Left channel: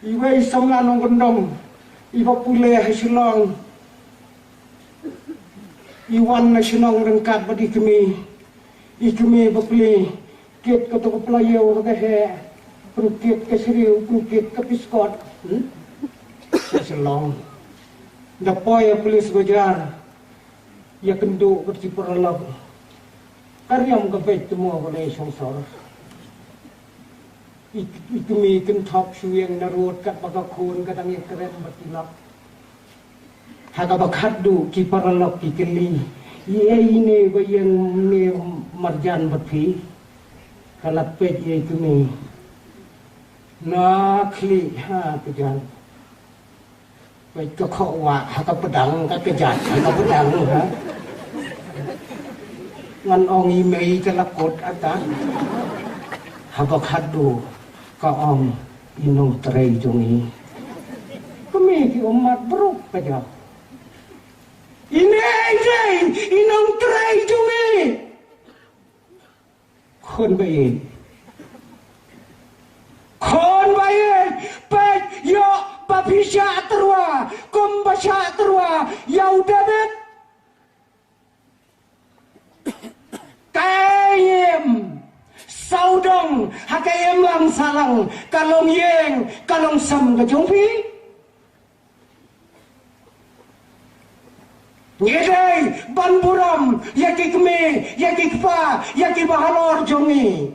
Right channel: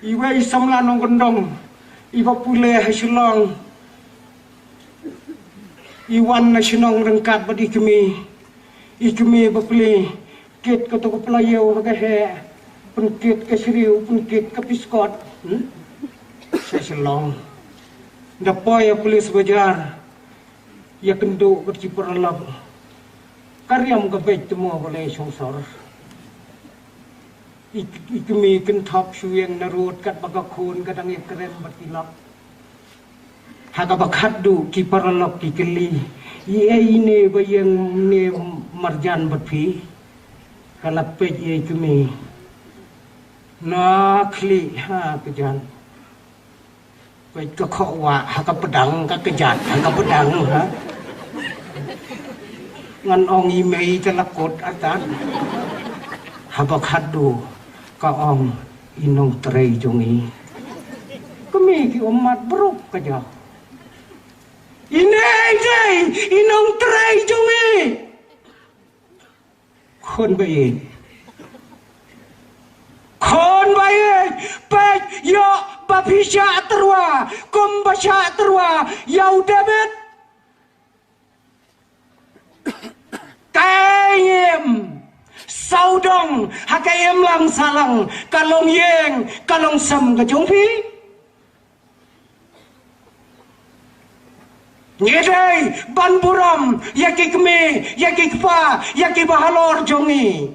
Iwai samlanong gondong, iwa pule hasilong, iwan na sinong rengkat badi ikimi bapli, kit kato keplayo kagahe, penkit kesiriu, penkit kepiskot, hasilong, dapoy pulis bajar, ya kenduk berciperlap, karyam kabej temu oleh songsor. Ikimi kentap suyeng narut kat bagakun kadang ikeren batilap. Haga bakadu ki paralok ki keli. Ie ini bayang ne marjan batpi. Kalapej ie ikimi. Nakli ha kejan. Baik kekokwa haga pedang ka kejat haga pedang ha. Ngan ong imei telakut atan. Habakadu kaong inong terai jongi kami ki umat beruk kaja ini inong terai jongi kon bayin pek yo bapisya terwa kumbasya terwa yau debet kayem saudong hakayem lang salang kalong yeng kalong sam kajongpi nyedai ban buram yaki keme yaki kpa yaki bahalor jongi